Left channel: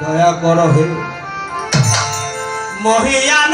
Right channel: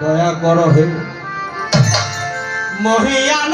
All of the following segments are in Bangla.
দয়া কর হে। মহিয়ান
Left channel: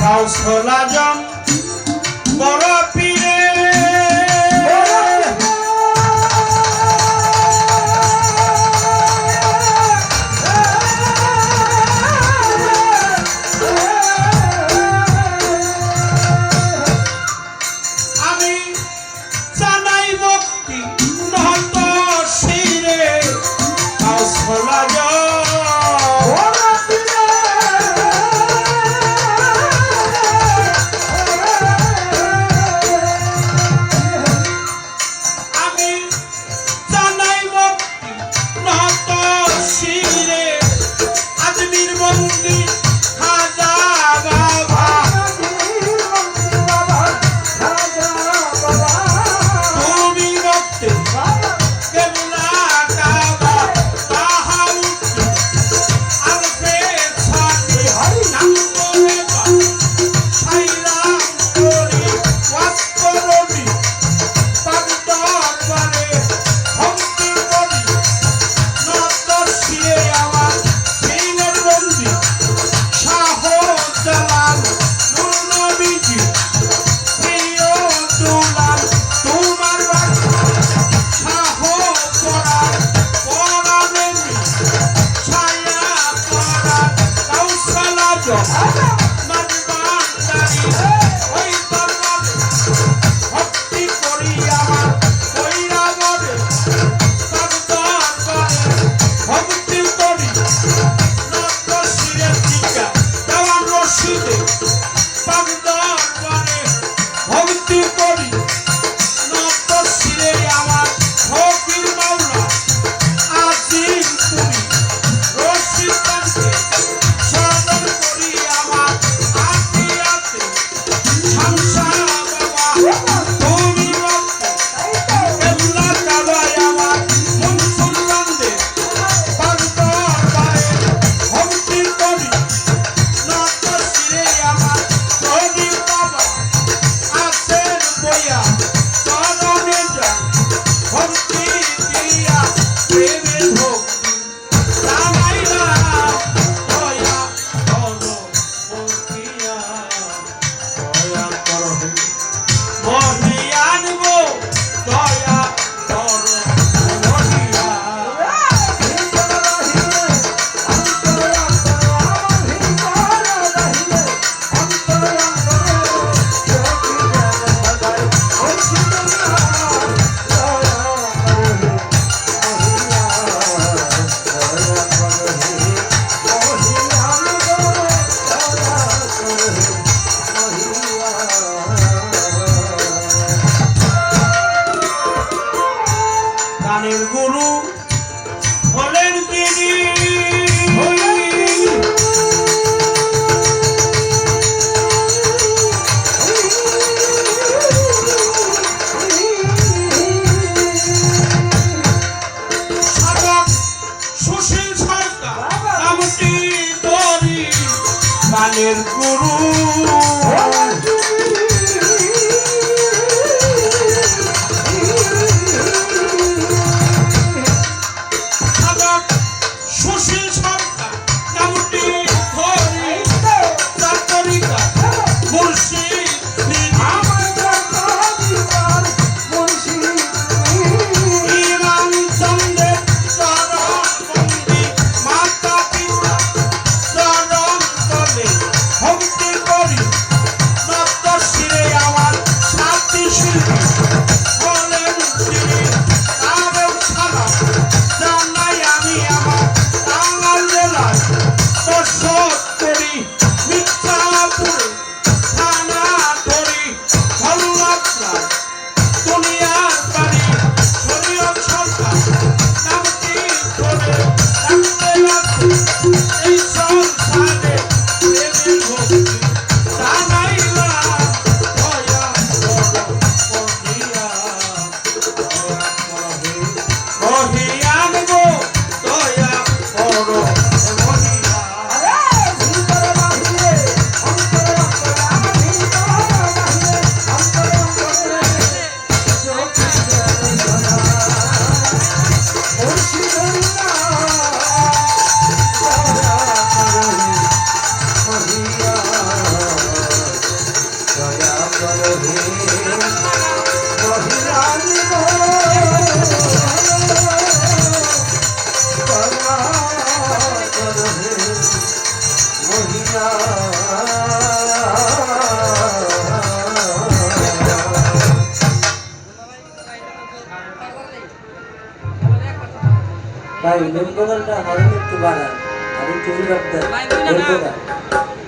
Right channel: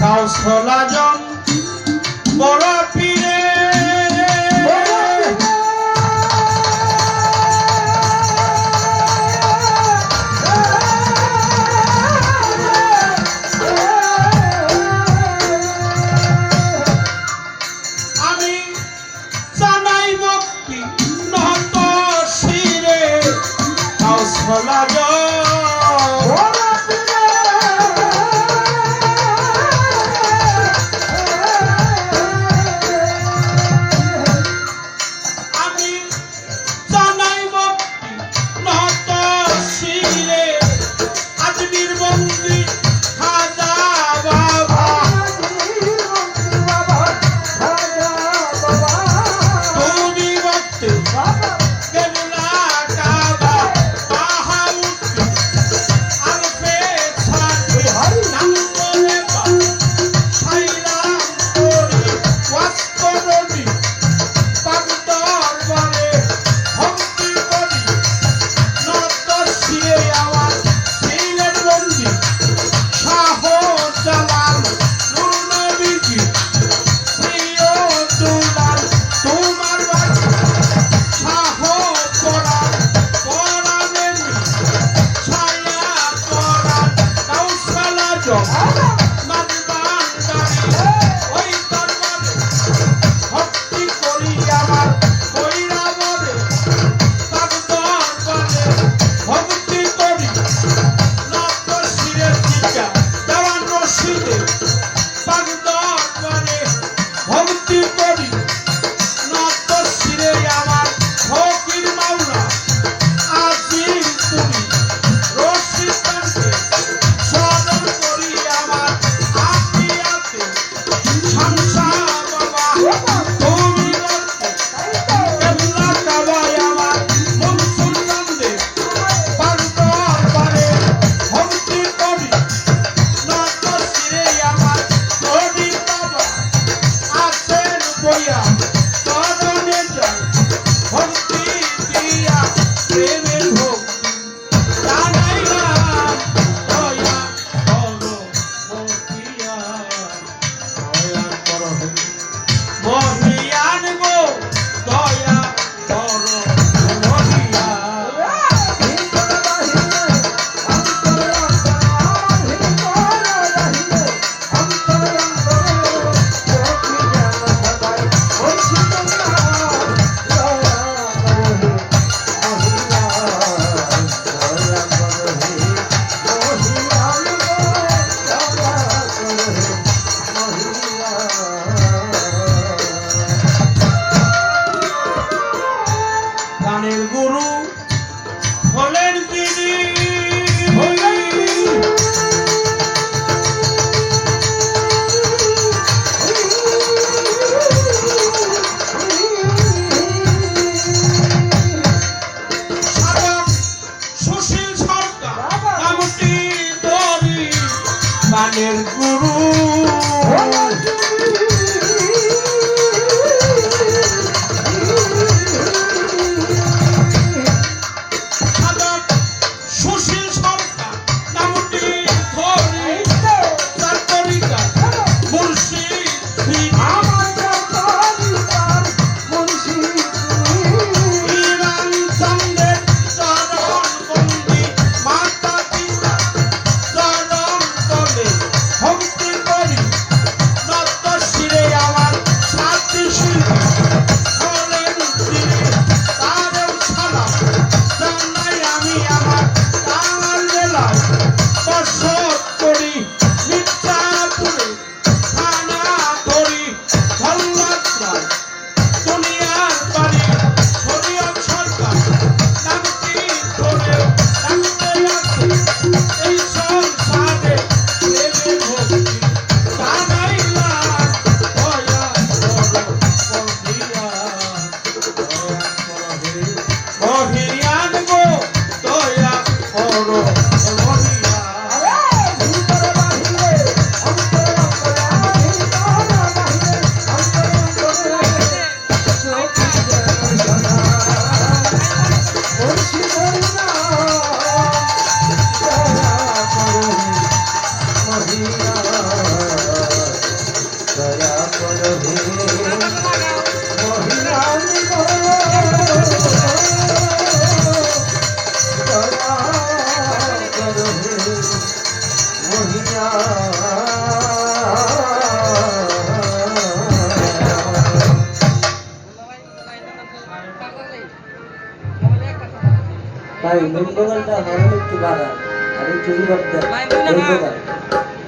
কাউসলা জন বড় ভক্তি গুরু হলেন তিনি। সুশীল সরকার প্রাণের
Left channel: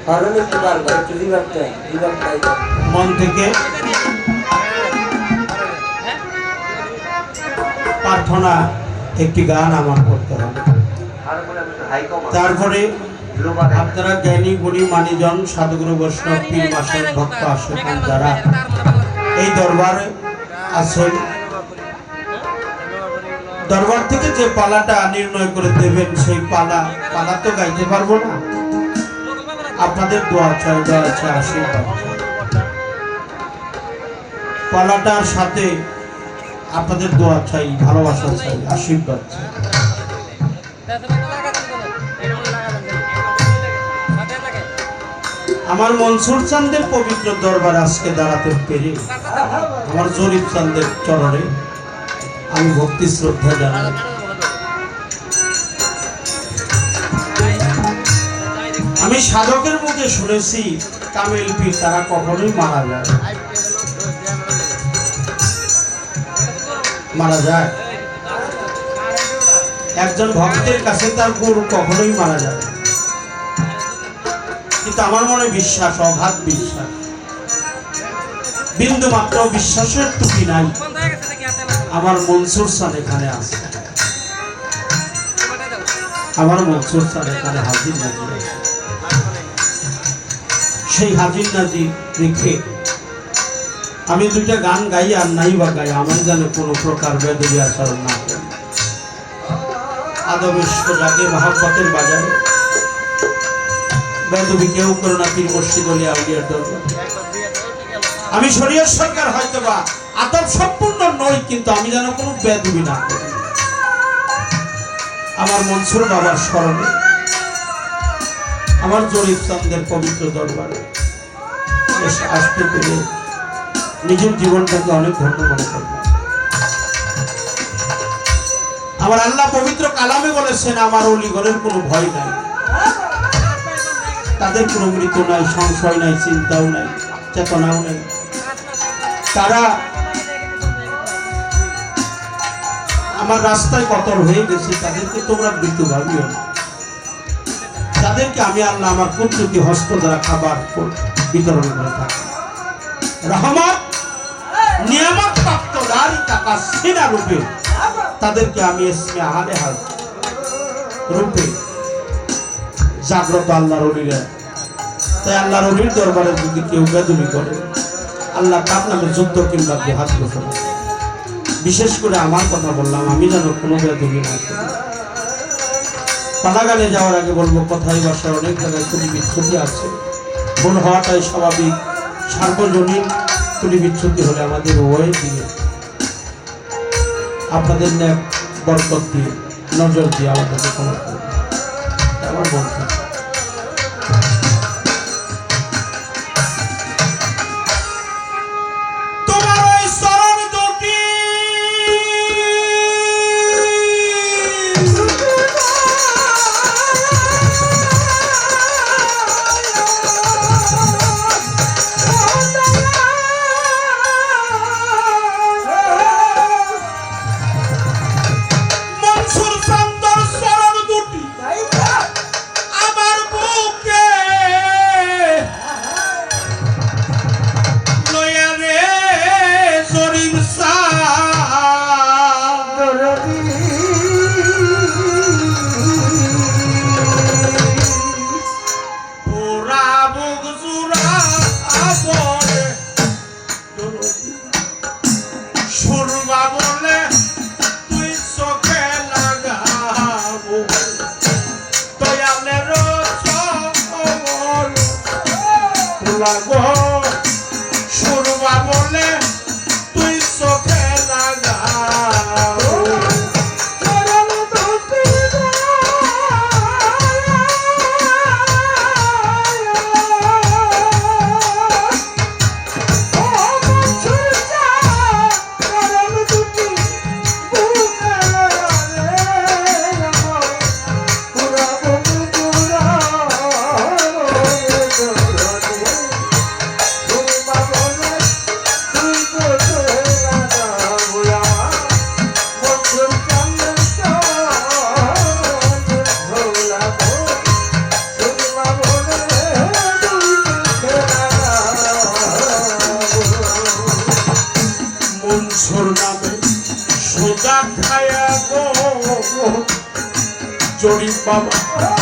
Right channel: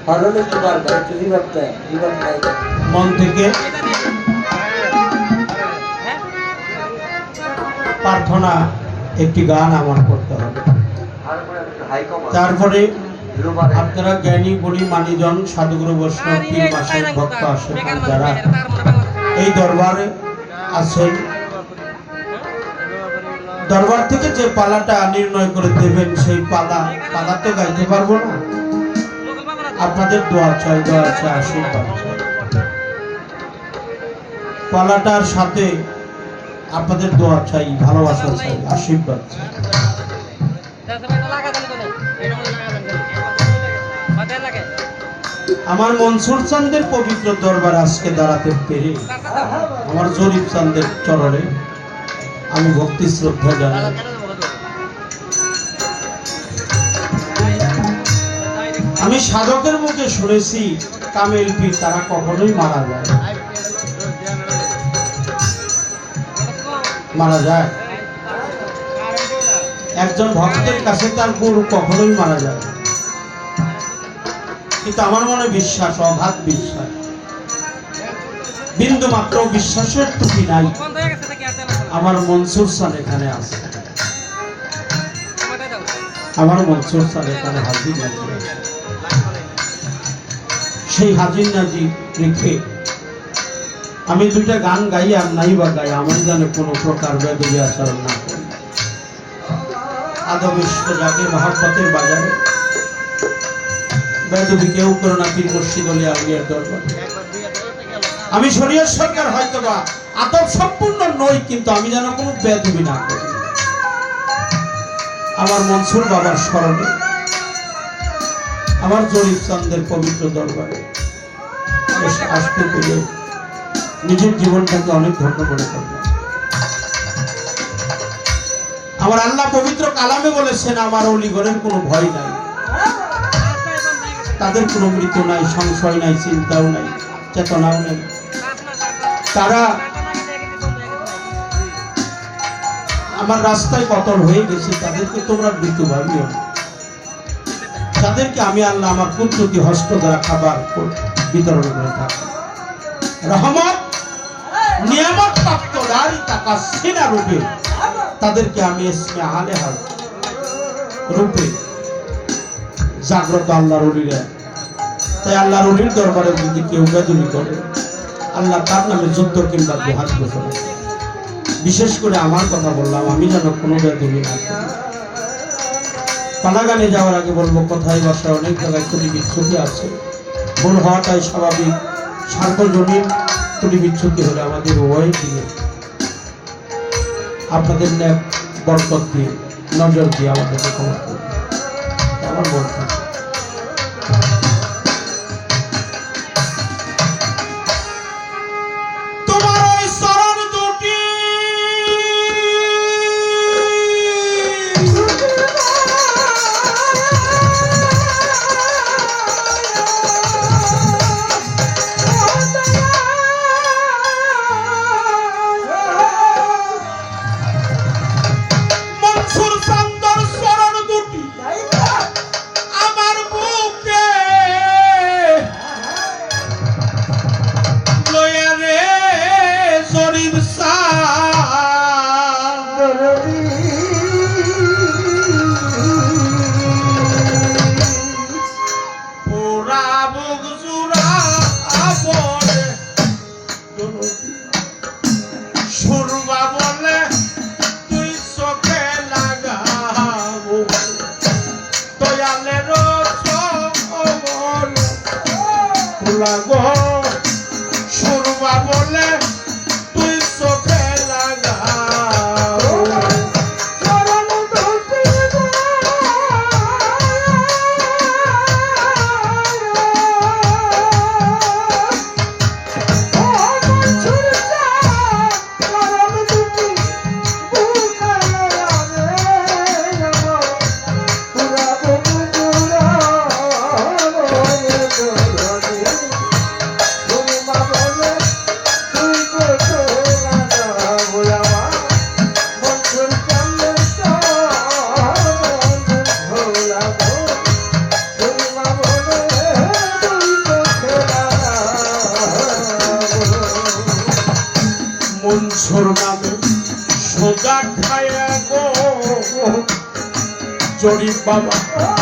হরণ একটু হরণ একটু রিভাব মন থেকে প্রার্থনা একটি গান আমার করতে হবে। তারপরে আপনারা জ্ঞানী, গুণী, মানিজন, সাধুগুরু, বৈষ্ণব, পীর, মাসের ভক্ত আশেখান যারা এই দরবারে আছেন দরবার থেকে যে পালাটা নির্ণয় করে দেবেন, সেই পালা পালা তো গাইতে পারব না। আপনাদের দোয়া চাই দোয়া চাই, আশীর্বাদ পালাটার সাথে আপনাদের দোয়া চাই, ভালোবাসা চাই, আশীর্বাদ চাই। আমার মনসুর চান্দের পবিত্র দরবার আজকে দাঁড়াতে পেরে, আমার জরিফ চান্দের চরণে আমি ভক্তি শ্রদ্ধা জানাই। আমি সাধকের মুখে শুনেছি কামেল পীর, তারা কখনোই মারা যায় মারা যায়। একজন ভক্তের কাছে তার গুরু কখনোই মারা যায় কিন্তু আমার মনে বিশ্বাস অগাধ বিশ্বাস। বিন্দু মাত্র বিশ্বাসের টুকি নাই। আমার মনসুর সান এখানে আছে। আমার মনসুর সান এখানে হাজির নাজির আছে সেই হাজির নাজির রেখে আমি দুইটা গান গাই আর নাই বা গাই, আমার যেন কোনো প্রকার বেদবি আচরণ না করি। আদবের সোজাকে মহাপতের বাজারে। বেদবি কেউ করে না দরবার। আমি শরীয়ত সরকার হয়তো বা আদব সম্পূর্ণ নই কিন্তু আমি যেন কোনো বেদবি না আমার মনসুর বাবার স্মরণে, আমার জরিফ চন্দের পবিত্র দরবারে আসতে পেরে নিজের জীবনটাকে অনেক ধন্য মনে করলাম। আমার আল্লাহ পবিত্র কালামে বলেছেন, আমার অলিগণের কোনো ভয় নাই। তাদের কোনো মৃত্যু নাই, সংশয় নাই, চিন্তাও নাই, চেতনাও নেই। তারা আমার রাস্তায় কতল হয়ে গেছে, তাদেরকে তোমরা মৃত্যু ভাবিও তাদেরকে আমি আল্লাহ আমার পুত্রকে হস্ত দ্বারা খাবার বিতরণ করে থাকি। রহমত, নিয়ামত প্রাপ্ত নারী টাকা সেনা রূপে। তাদেরকে আমি এসে আলে হাল রূপে জাগ্রত আল্লাহ অলিরা। তাই আল্লাহ অলির দরবারে যদি কেউ বেদুলি করে, আল্লাহ তার নামে যুদ্ধ কিংবা জেহাদ ঘোষণা বিশেষ করে আমার কথা বললাম, আমি যেন কোনোভাবে দুঃখী না পালাগানে যাওয়ার আগে বলব কথায় বাসায় অনেক জায়গায় তুলি বিচ্ছুতি আছে। ভুল হওয়াটাই স্বাভাবিক। সার্বজনীন ত্রুটি বিচ্ছুতি হলে আমাদের উভয় দিয়ে। আপনাদের বরকত দিয়ে, নজর দিয়ে আমাদেরকে ক্ষমা আমার বরকত। লাগবো 爸爸。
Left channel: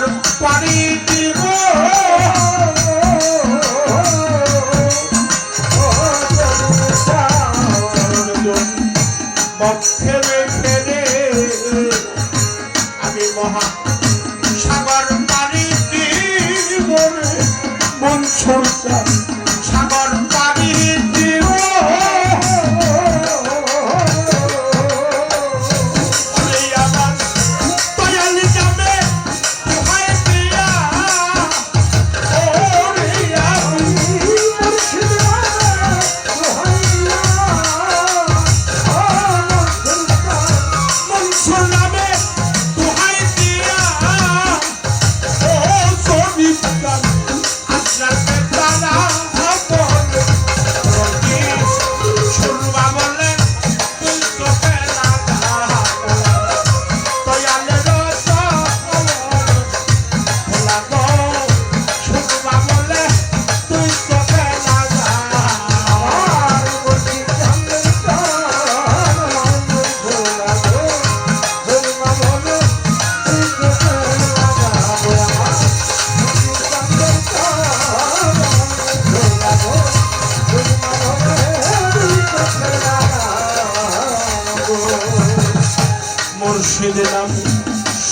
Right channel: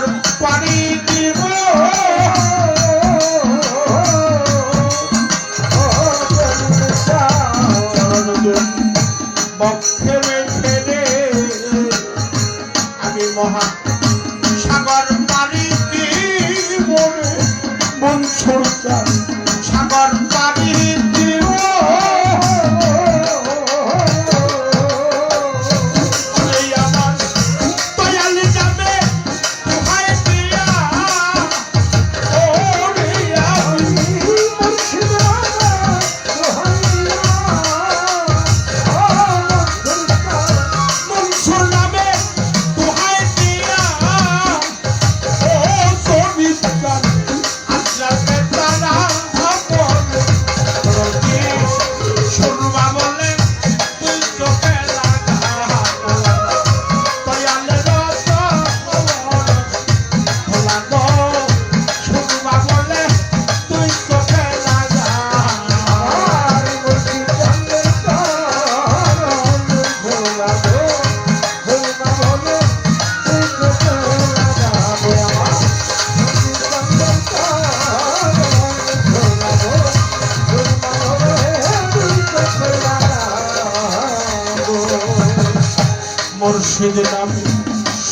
por 40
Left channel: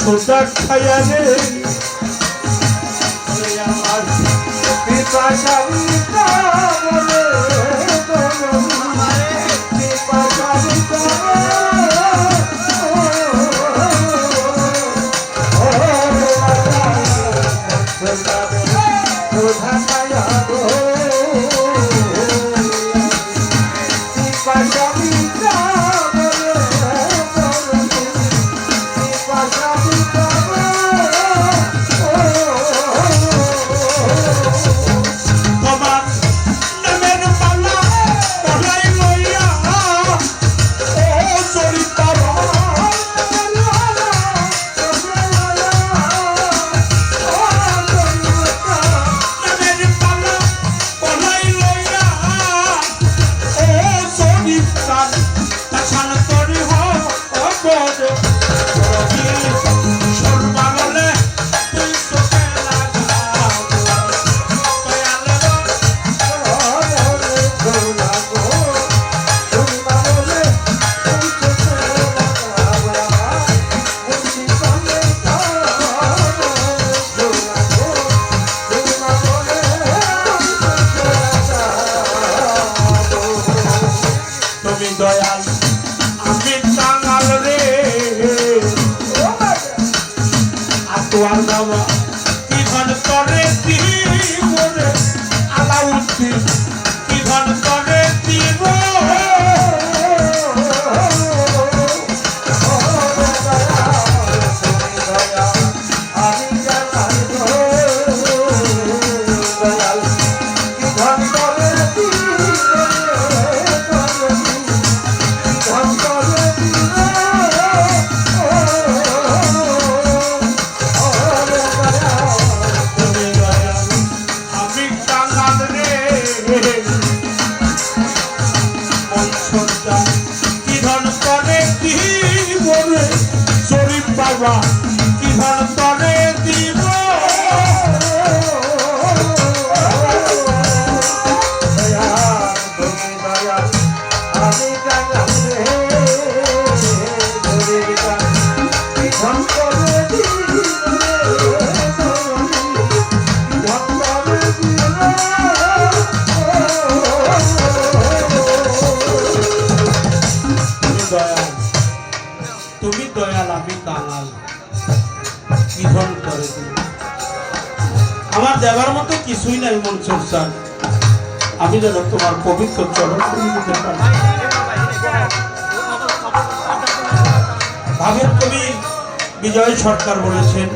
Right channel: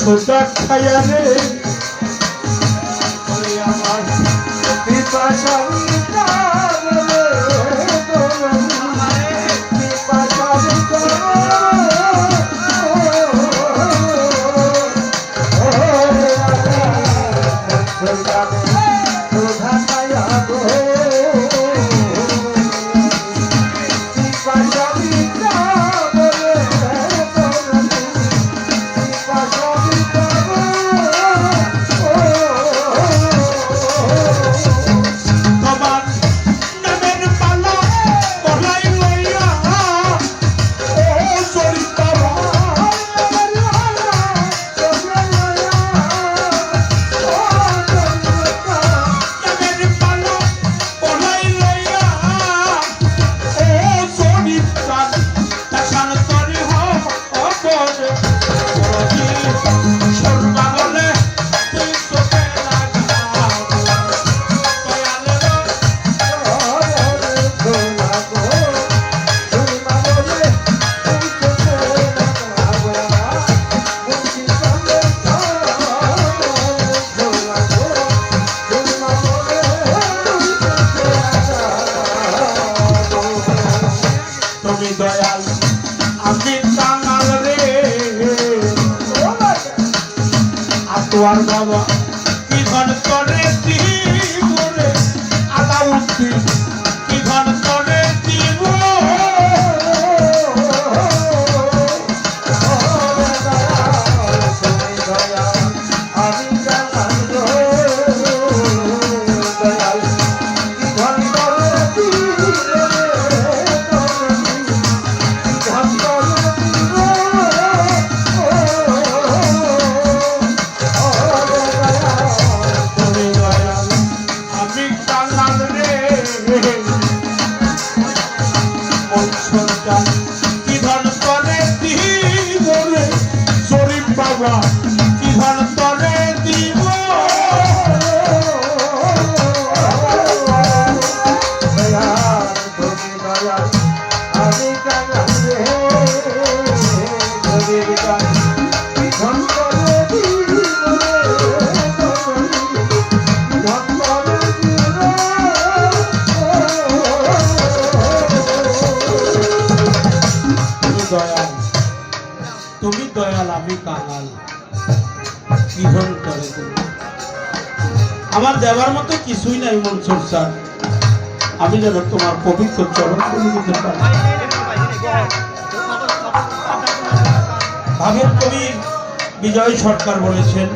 সোজা খায়া আমার পিপাসা তুমি তুমি দয়াল, আমি কি করে আমার দেওয়ার মতো কিছুই নাই, মনসুর স্যার। আমি যেন তোমার পবিত্র চরণ করে দিতে পারি। ভাবের কবি বিজয় সরকার বলেছেন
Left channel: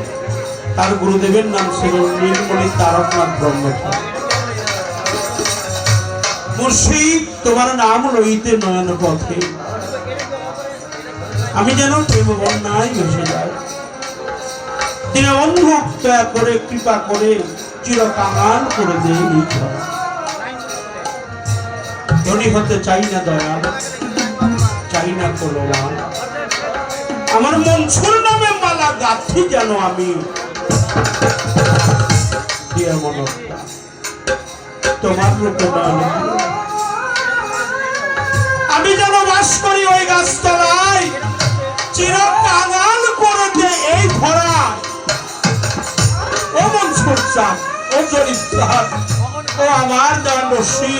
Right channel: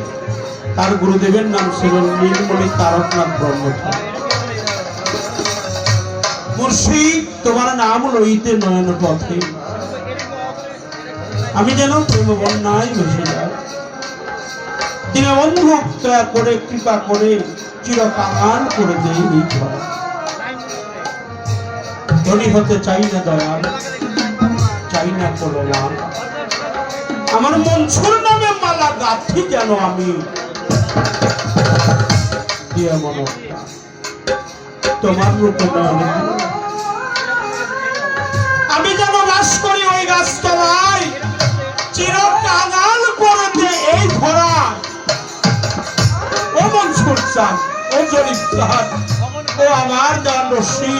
তার গুরুদেবের নাম ছিল নীলমণি তারকনাথ ব্রহ্মচারী। মুর্শিদ তোমার নাম লইতে নয়ন পথে। আমি যেন প্রেম বন্যায় ভেসে যাই দীনবন্ধু দয়া করে, কৃপা করে চির করে এই ধনী হতে চাই না দয়াল, চাই না মান আমার মনসুর নামে মালা গাথি যেন আমি। দিয়ে আমি যেন বাস করি ওই গাছতলায়, চিরকাল করে দে এই ধরা ও মন সূর্যা ও জরিপ ও আমার দয়াল রশ্মি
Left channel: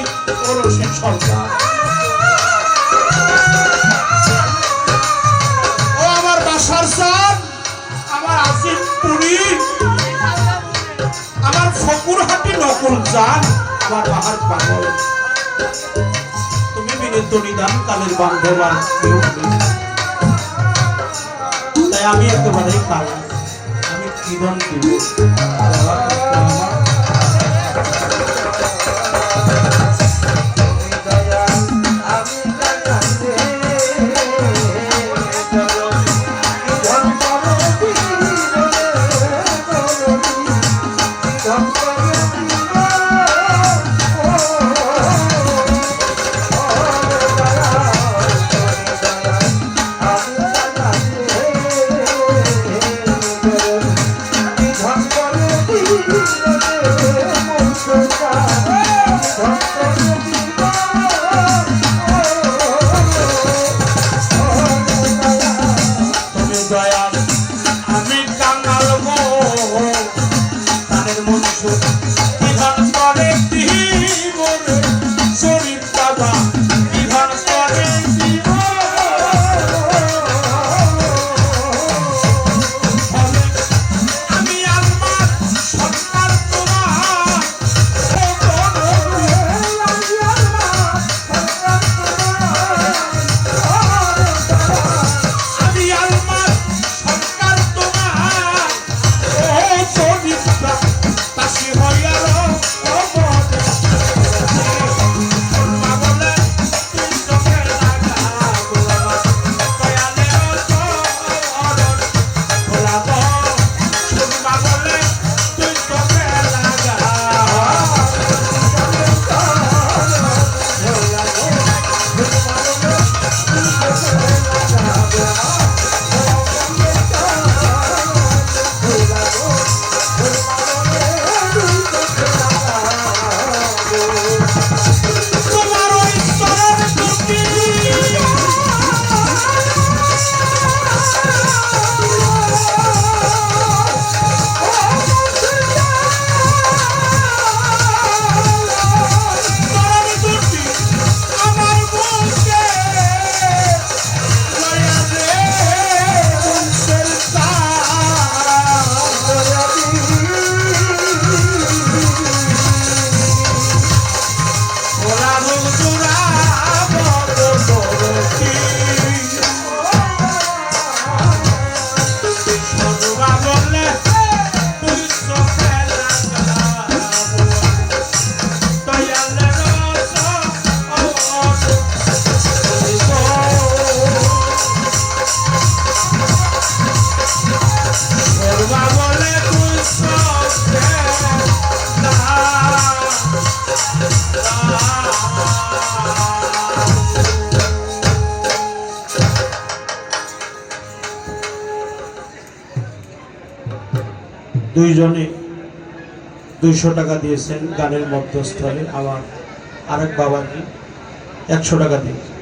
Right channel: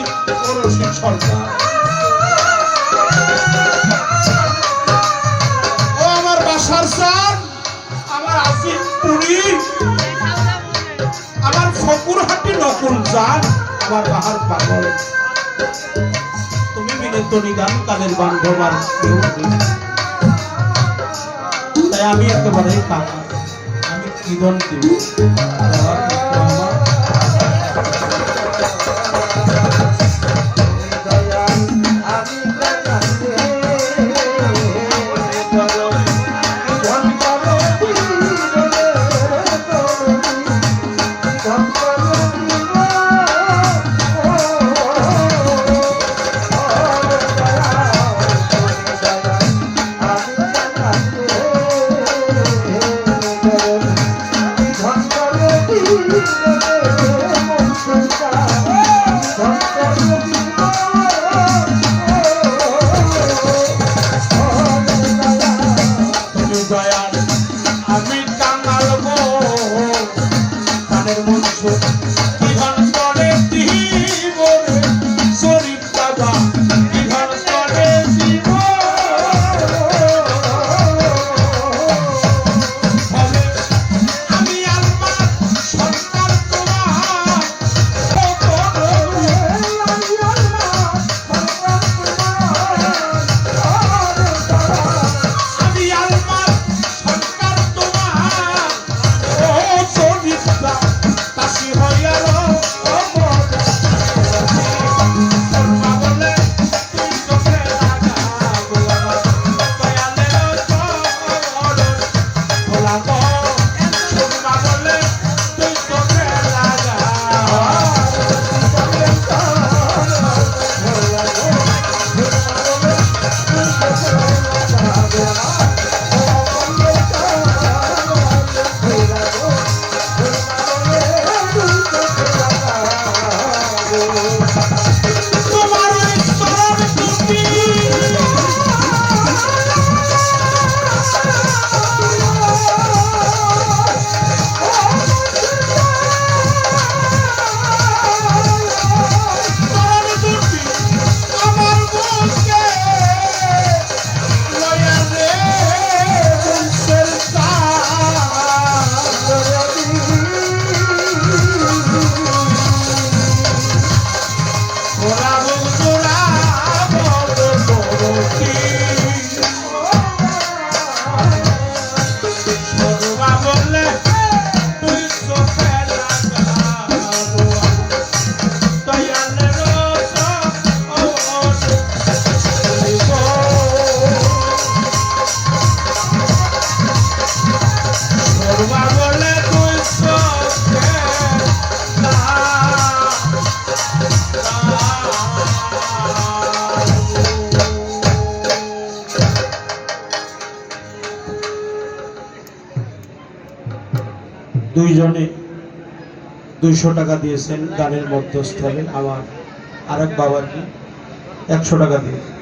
ও রশ্মি সরকার। আমার ফকুর হাটি নকল চান আমার বাহার পাগল। তুমি বিনীত নিদান কালের বান্ধব তাই আমি একেবারে পাগল আমি জীবনকে Amém. Hola. দুইজনে দুইশো টাকা দিয়েছেন গানের মধ্যস্থলে। আমার আরেক বাবাকে একশো টাকা দিয়েছেন।